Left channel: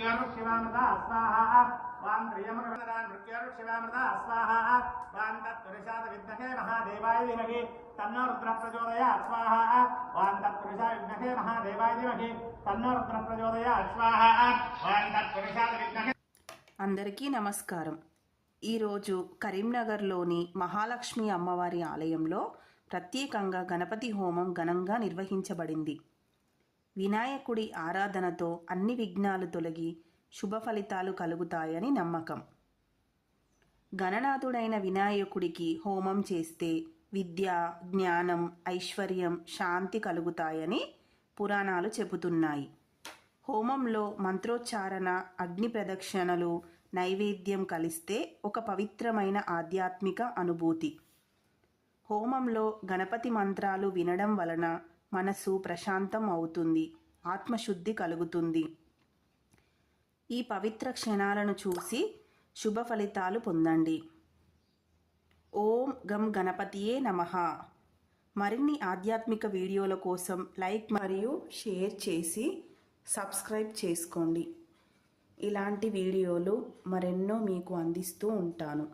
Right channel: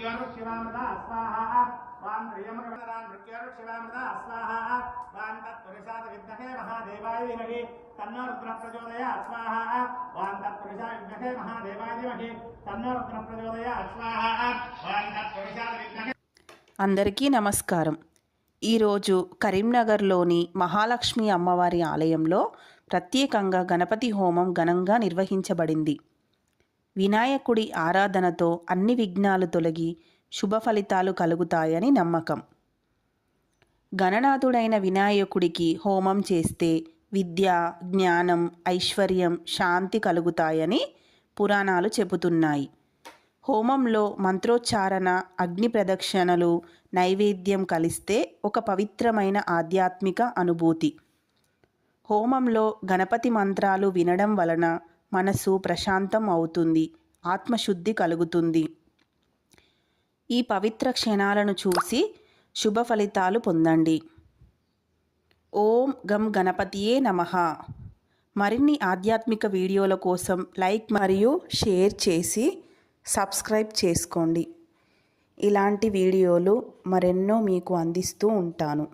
मृत्युर्शिवामृता स्वाहा वां प्रियमकरदान मृत्युर्शिवामृता स्वाहा वां तत्पुरुषात् विद्महे महादेवाय धीमहि तन्नो रुद्रः प्रचोदयात् स्वाहा वां तत्पुरुषाय विद्महे महादेवाय धीमहि तन्नो रुद्रः प्रचोदयात् स्वाहा वां तत्पुरुषात् विद्महे। అందరికీ నమస్కారం। ఈరోజు కరీంనగర్లోని మహాలక్ష్మి అమ్మవారి ఆలయంలో ప్రత్యేకంగా గణపతి హోమం ఘనంగా నిర్వహించబడింది। వినాయకుడి ఆరాధనతో అన్ని విఘ్నాలు తొలగి శుభ ఫలితాలు కలుగుతాయని నమ్మకం। గణనాథుడైన వినాయకుడికి హోమం చేస్తే విద్య, జ్ఞానం, ఐశ్వర్యం, శాంతి కలుగుతాయని పురాణాలు చెబుతున్నాయి। హోమంలో మంత్రోచ్చారణ, అగ్ని ప్రదక్షిణలు, నైవేద్యం కలిస్తే ఒక పవిత్రమైన ఆధ్యాత్మిక అనుభూతి। హోమంలో గణపతి మంత్రాలు వినడం వలన మనసు ప్రశాంతం అవుతుంది, ఆత్మశుద్ధి కలుగుతుంది। ఈ పవిత్ర క్షణాలను చూసి శుభ ఫలితాలు పొందండి। ఓం గం గణపతియే నమః। మరిన్ని ఆధ్యాత్మిక వీడియోల కోసం లైక్ మరియు షేర్ చేసి సబ్స్క్రైబ్ చేసుకోండి। ఇలాంటి వీడియోలు మరెన్నో మీకు అందిస్తూ ఉంటాను।